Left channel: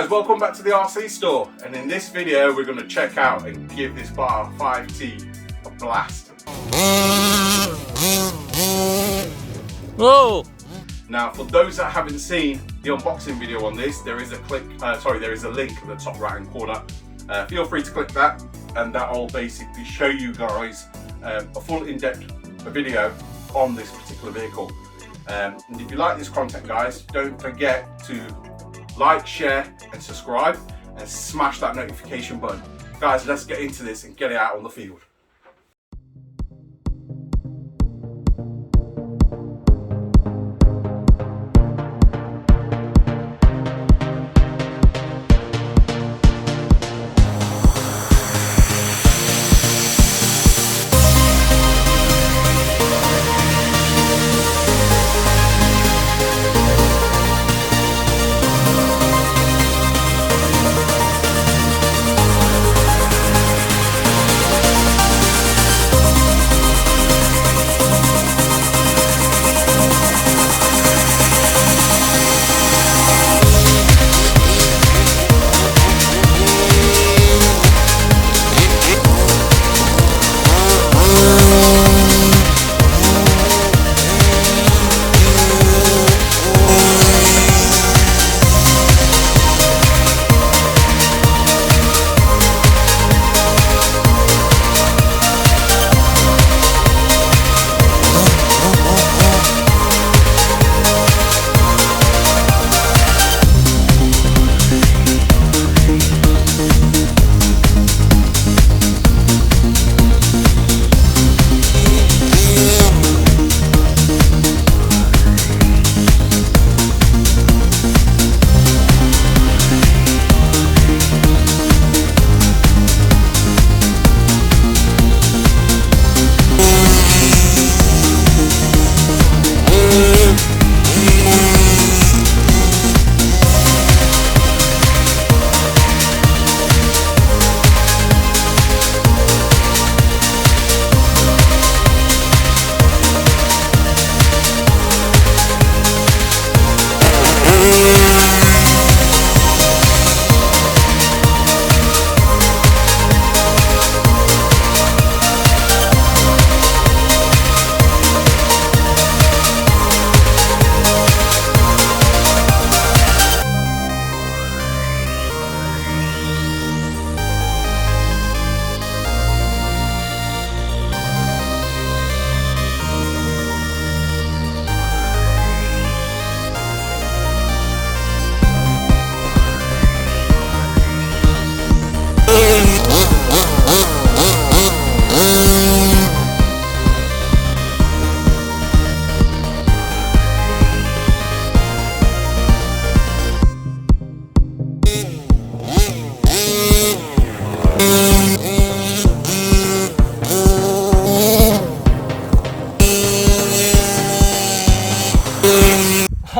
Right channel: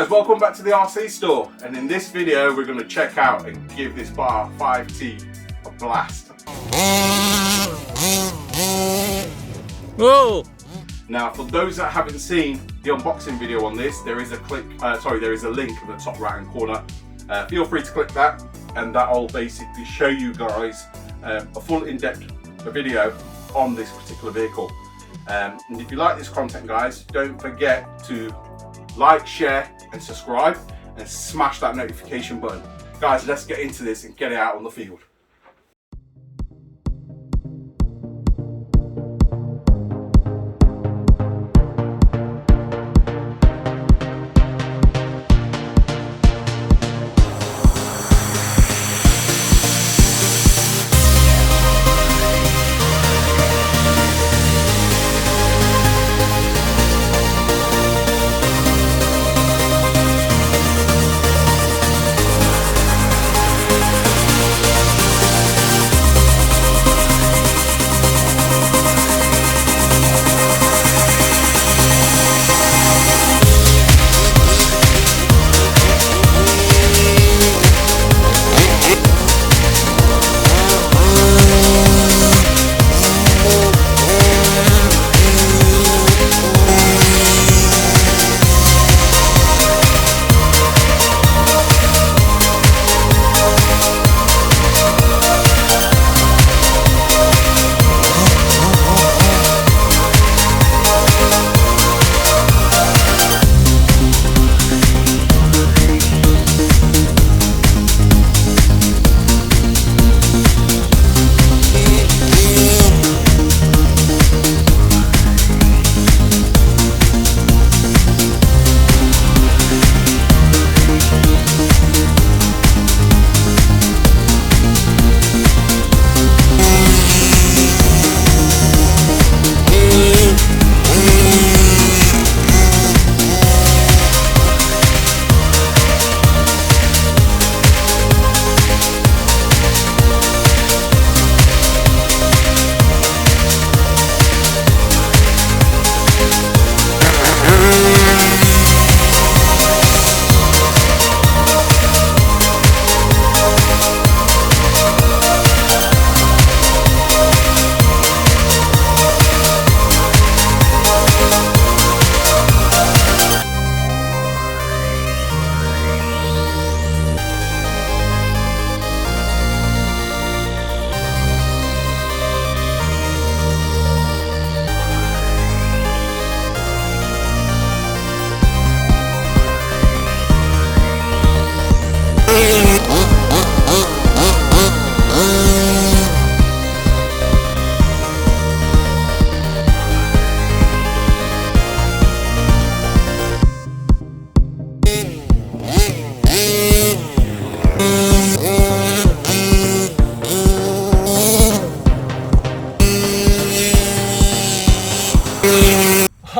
guys, welcome back to the RC store, and in this video we're going to check out and give this Baja 5T a blast. Whoa! Now for those that haven't seen the unboxing video on this, there is a link in the top right hand corner. Feel free to click that and that will basically show you guys a full in-depth video on this particular vehicle. And if you like this content guys, don't forget to like, share and subscribe and smash that notification button. Guys, let's get into this and get it out on the field.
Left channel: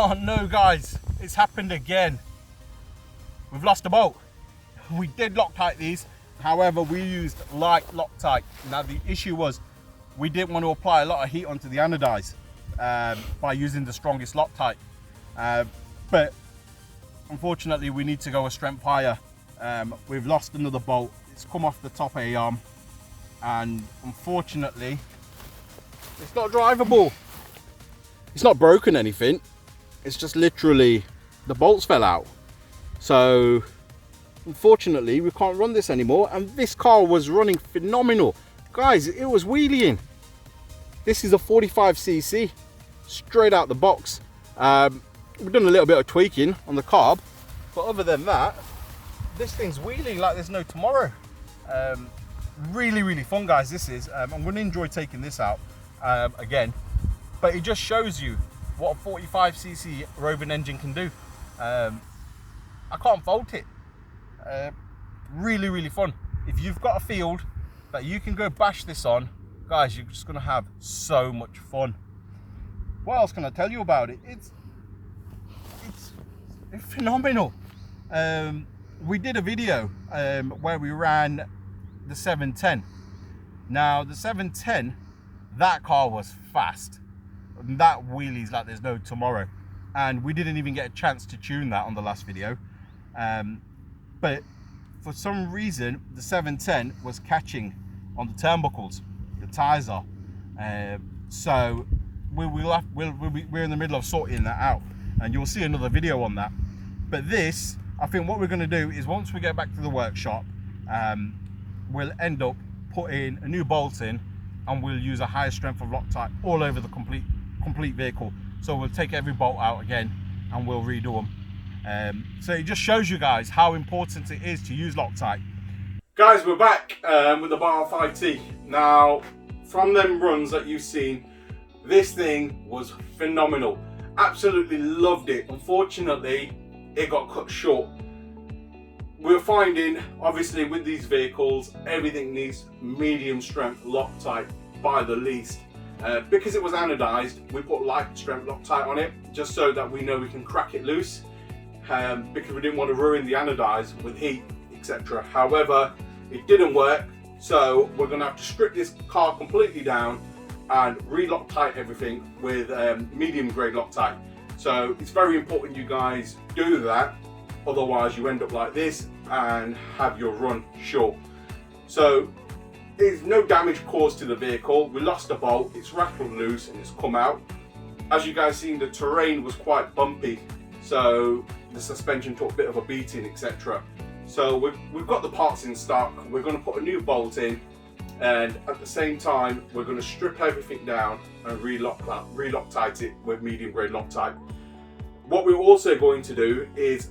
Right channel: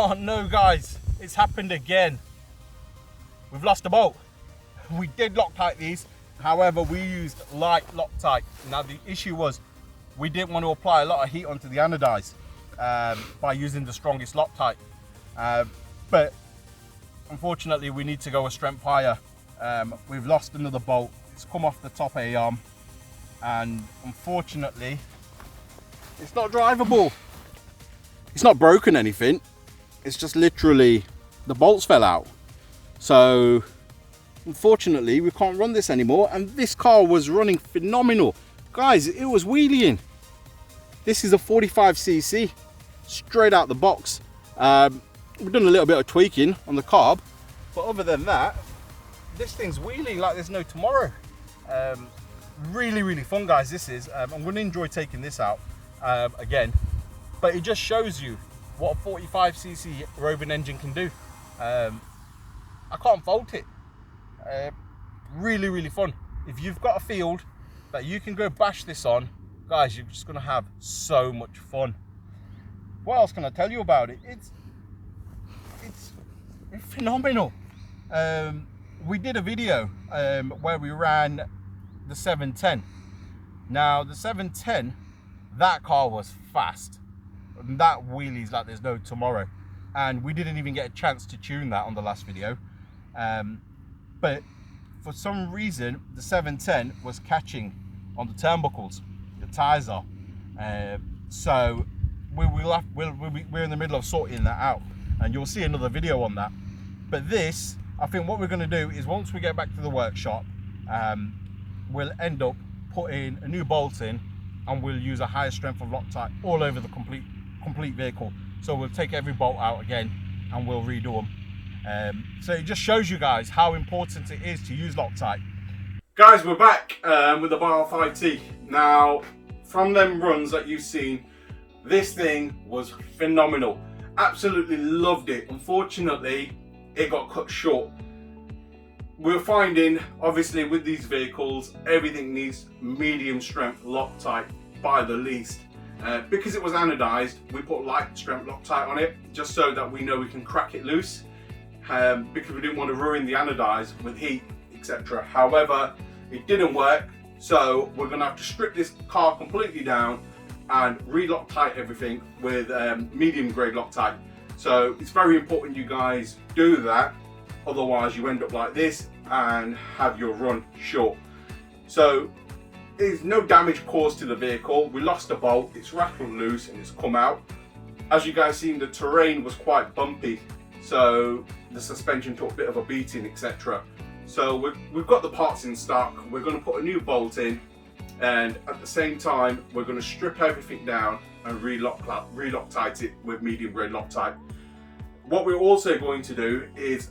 Oh no guys, it's happened again. We've lost a bolt. We did Loctite these, however we used light Loctite. Now the issue was we didn't want to apply a lot of heat onto the anodize by using the strongest Loctite. But unfortunately we need to go a strength higher. We've lost another bolt. It's come off the top A-arm and unfortunately it's not drivable. It's not broken anything, it's just literally the bolts fell out. So unfortunately we can't run this anymore, and this car was running phenomenal. Guys, it was wheeling. This is a 45cc straight out the box. We've done a little bit of tweaking on the carb, but other than that, this thing's wheeling like there's no tomorrow. Really fun guys, this is. I'm going to enjoy taking this out again. But it just shows you what a 45cc Rovan engine can do. I can't fault it. Really fun. If you've got a field that you can go bash this on, guys, you're just gonna have so much fun. What else can I tell you about it? It's phenomenal. We did a video where we ran the 710. Now the 710, that car was fast. That wheelies like there's no tomorrow, and we didn't even get a chance to tune that on the last video. But for some reason the 710 was catching on the turnbuckles, the tyres are. So we're in the middle of sorting that out, and you'll see another video on that. But this, I think what we're going to do is once we get back to the workshop, we'll end up putting a new bolt in, and we'll use a higher strength of Loctite all over the complete vehicle. So we'll take every bolt out again and we'll redo them. So it just shows you guys how important it is to use Loctite. Guys, we're back with the Baja 5T. Now, from them runs that you've seen, this thing was phenomenal. Absolutely loved it. Unfortunately, it got cut short. We're finding, obviously, with these vehicles, everything needs medium strength Loctite by the least. Because it was anodized, we put light strength Loctite on it, just so that we know we can crack it loose, because we didn't want to ruin the anodized with heat, etc. However, it didn't work, so we're going to have to strip this car completely down and re-Loctite everything with medium grade Loctite. So it's very important you guys do that, otherwise you end up like this and have your run short. So there's no damage caused to the vehicle. We lost a bolt, it's rattled loose and it's come out. As you guys seen, the terrain was quite bumpy, so the suspension took a bit of a beating, etc. So we've got the parts in stock. We're going to put a new bolt in, and at the same time we're going to strip everything down and re-Loctite it with medium grade Loctite. What we're also going to do is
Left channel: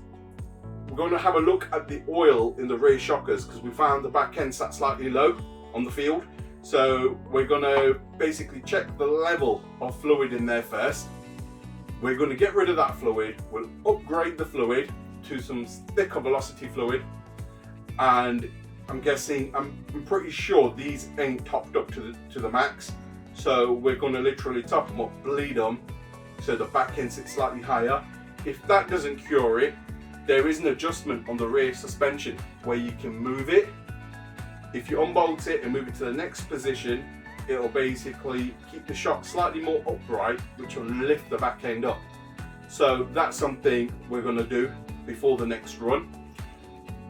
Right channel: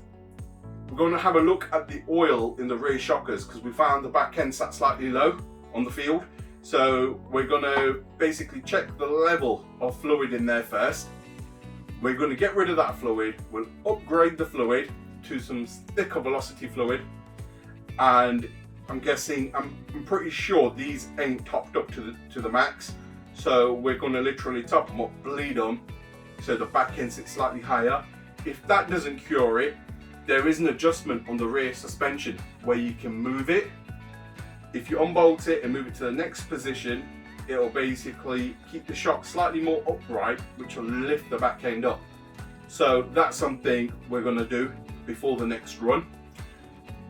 we're going to have a look at the oil in the rear shockers, because we found the back end sat slightly low on the field. So we're going to basically check the level of fluid in there first. We're going to get rid of that fluid. We'll upgrade the fluid to some thicker velocity fluid, and I'm pretty sure these ain't topped up to the max. So we're going to literally top them up, bleed them, so the back end sits slightly higher. If that doesn't cure it, there is an adjustment on the rear suspension where you can move it. If you unbolt it and move it to the next position, it'll basically keep the shock slightly more upright, which will lift the back end up. So that's something we're going to do before the next run.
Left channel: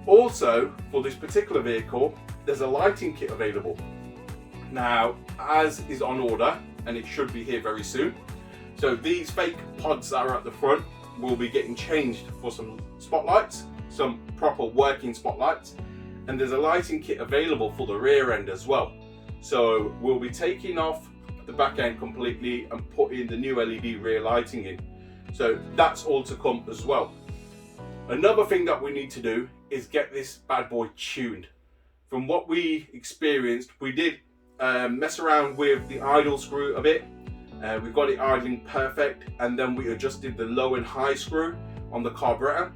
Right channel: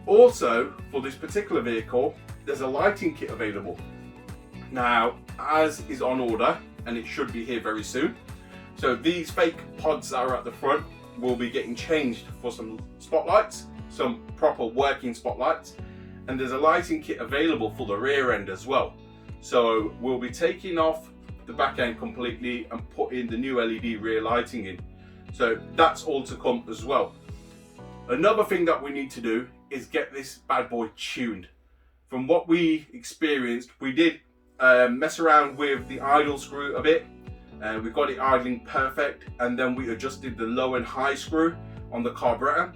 Also, for this particular vehicle, there's a lighting kit available. Now, as is on order, and it should be here very soon. So these fake pods that are at the front will be getting changed for some spotlights, some proper working spotlights. And there's a lighting kit available for the rear end as well. So we'll be taking off the back end completely and putting the new LED rear lighting in. So that's all to come as well. Another thing that we need to do is get this bad boy tuned. From what we experienced, we did mess around with the idle screw a bit. We got it idling perfect, and then we adjusted the low and high screw on the carburetor.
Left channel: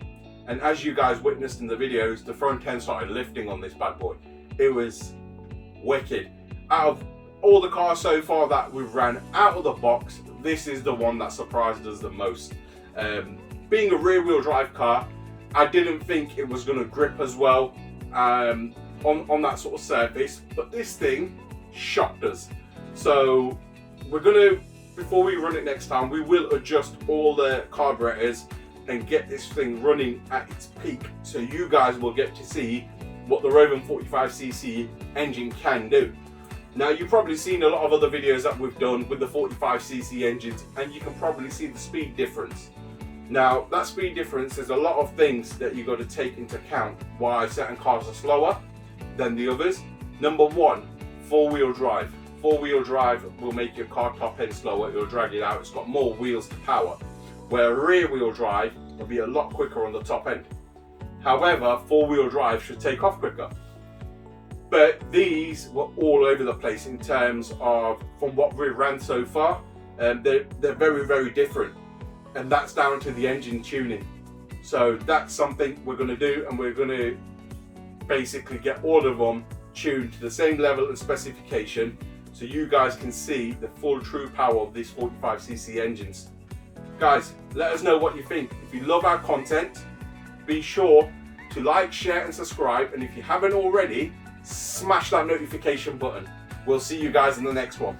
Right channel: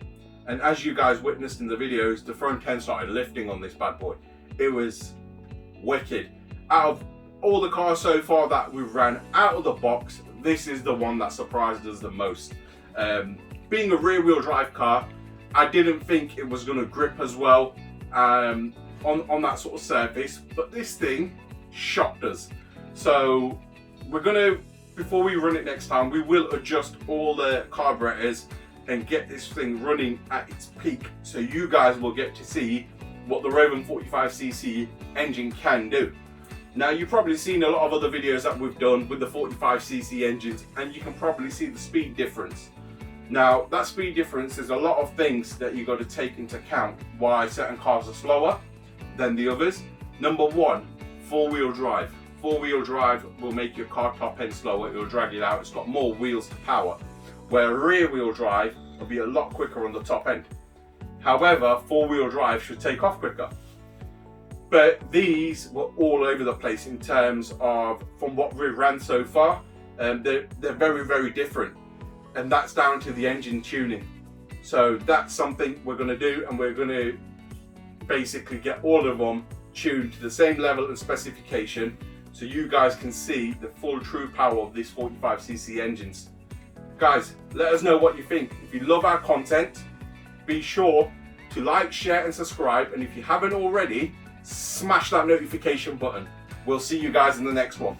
And as you guys witnessed in the videos, the front end started lifting on this bad boy. It was wicked. Out of all the cars so far that we've ran out of the box, this is the one that surprised us the most. Being a rear wheel drive car, I didn't think it was going to grip as well on that sort of surface, but this thing shocked us. So we're going to, before we run it next time, we will adjust all the carburetors and get this thing running at its peak, so you guys will get to see what the Rovan 45cc engine can do. Now, you've probably seen a lot of other videos that we've done with the 45cc engines, and you can probably see the speed difference. Now, that speed difference, there's a lot of things that you've got to take into account why certain cars are slower than the others. Number one, four-wheel drive. Four-wheel drive will make your car top end slower, it'll drag it out, it's got more wheels to power. Where rear wheel drive will be a lot quicker on the top end. However, four wheel drive should take off quicker. But these were all over the place in terms of, from what we've ran so far, they're very, very different. And that's down to the engine tuning. So that's something we're going to do, and we're going to basically get all of them tuned to the same level and specification, so you guys can see the full true power of these 45cc engines. Guys, let us know what you think. If you love our content, be sure to like, share and subscribe, and if you haven't already, smash that notification button. We'll see you guys in the next one.